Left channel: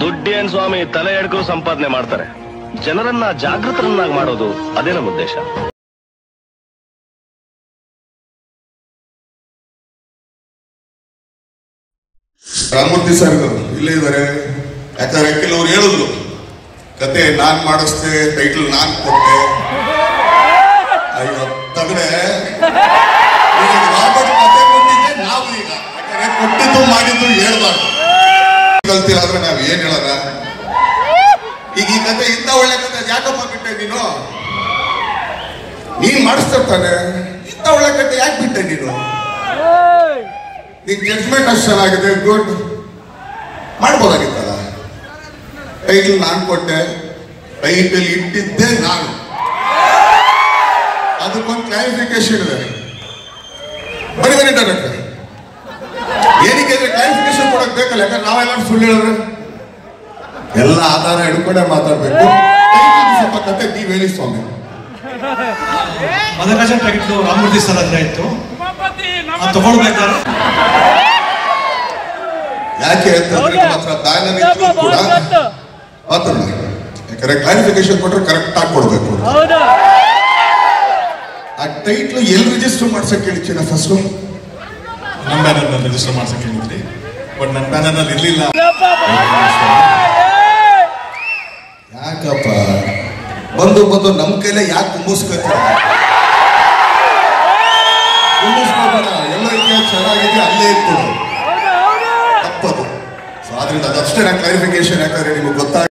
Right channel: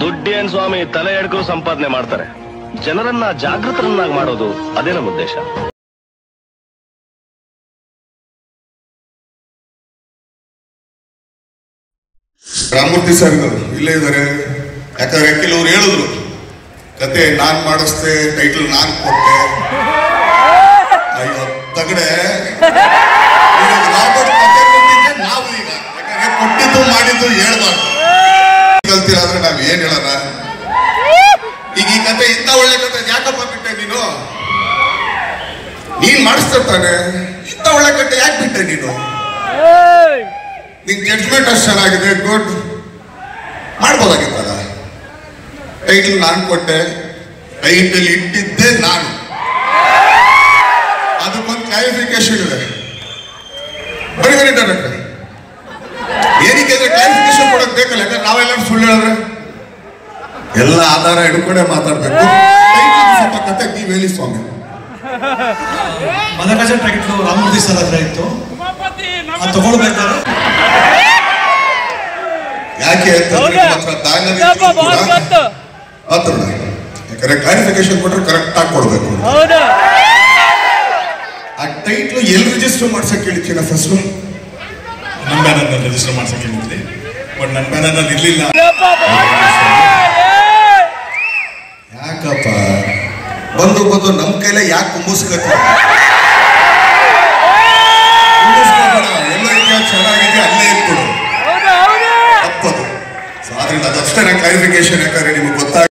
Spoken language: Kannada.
ದುಡ್ಡೇನ್ ಸ್ವಾಮಿ ತಲೆ ಎಡ್ಕೋ ಸಂಪಾದನೆ ಮಾಡ್ತಾರೆ. ಜನರನ್ನ ಜಾಗೃತರನ್ನಾಗಿ ಮಾಡೋದು ಅದೇ ನಮ್ಮ ಉದ್ದೇಶ. ರಾಮಮೂರ್ತಿ ಸರ್ ಇಲ್ಲೇ ಇದ್ದಾರೆ. ಯಾಕಂದ್ರೆ ಕೆಲವ್ರು ಹೇಳಿದ್ರು ಕತೆ ನಾನ್ ಮಾಡಿಸ್ದೆ, ಟೈಟಲ್ ನಾನ್ ಕೊಟ್ಟೆ. ಅಯ್ಯೋ ತಗಡೆ, ರಾಬರ್ಟ್ ಕತೆ ಕೊಟ್ಟಿದ್ದೆ ನಾವು ಈಗ. ಯಾಕಂದ್ರೆ ಕೊಟ್ಟಿದ್ದು ಮಾಡಿದ್ದು ಹೇಳ್ಬಾರ್ದು. ಕಲ್ತಿರಾದ್ರೆ ನಾವ್ ಏನ್ ಹೇಳೋಣ? ಈಗ ಈ ಕತೆ ಇಂಥ ಒಳ್ಳೆ ಕತೆ ಯಾಕಪ್ಪ ಬಿಟ್ಟೆ ನೀನು? ನೀನ್ ಮಾಡಿಸ್ತಾನೆ ಇಂಥ ಒಳ್ಳೆ ಕತೆ ಯಾಕೆ ಬಿಟ್ಟೆ ನೀನು? ನಿನ್ ಜಡ್ಜ್ಮೆಂಟ್ ಅಷ್ಟು ಚೆನ್ನಾಗಿದೆ, ಗುಡ್, ಮಾಡ್ಬೋದಾಗಿತ್ತಲ್ಲ. ಟೈಟಲ್ ನಾನು ಕೊಟ್ಟೆ, ಟೈಟಲ್ ಇಟ್ಟಿದ್ದೆ ನಾನು. ಅದಕ್ಕೊಂದು ಕ್ಲಾರಿಫಿಕೇಶನ್ ಇದೆ. ಬರೀ ಡೈರೆಕ್ಟರ್ ಏನಕ್ಕೆ ಕ್ಲಾರಿಫಿಕೇಶನ್ ಕೊಡಕ್ ಬೇಕಲ್ಲ? ಯಾಕಂದ್ರೆ ನಾವೆಲ್ಲ ಸುಳ್ಳು ಹೇಳಿದ್ರೆ ಎಲ್ಲ ಆಧಾರ ಹಿಡ್ಕೊಂಡೆ ಮಾತಾಡ್ಬೇಕು. ಸ್ವಲ್ಪ ಕತೆ ನೀವು ಹೇಳಿ ಸ್ವಾಮಿ. ಮದಗಜ ಟೈಟ್ಲು ರಾಮಮೂರ್ತಿ ಸರ್ ಹತ್ರ ಇತ್ತು, ತಗೊಳ್ಬೇಕಾದ್ರೆ ಯಾಕೆ ಯಾಕಂದ್ರೆ ಕ್ಲಾರಿಫಿಕೇಶನ್ ಕೊಟ್ರೆ ಕರೆಕ್ಟ್ ಆಗಿ ಕೊಡ್ಬೇಕು. ಆ ಟೈಟ್ಲು ಎಲ್ಲಿ ರಿಜಿಸ್ಟರ್ ಮಾಡ್ಸಕ್ ಹೇಳಿದ್ದೀನ? ಫಸ್ಟ್ ನಮ್ಮ ಬ್ಯಾನರ್ ರಿಜಿಸ್ಟರ್ ಮಾಡ್ಸಕ್ ಹೇಳಿದ್ವಿ, ಬಟ್ ನನ್ನ ಬ್ಯಾನರ್ ಅಲ್ಲಿ ಇರ್ಲಿಲ್ಲ. ಯಾಕಪ್ಪ ಬಂದು ಬಂದು ನಮ್ ಕೈಲೇ ಯಾಕೆ ಕುಂಬಿಸ್ಕೊತ? ಎಲ್ಲ ಚೆನ್ನಾಗಿದೆ ಅಲ್ಲೇ ಇಟ್ಕೊಡು, ತಪ್ಪದು. ಸೊ ಆದ್ರಿಂದ ಅದಷ್ಟೇ ಕ್ಲಾರಿಫಿಕೇಶನ್. ಯಾಕಂದ್ರೆ ನಿಮ್ಗೆ ಗೊತ್ತಾಗ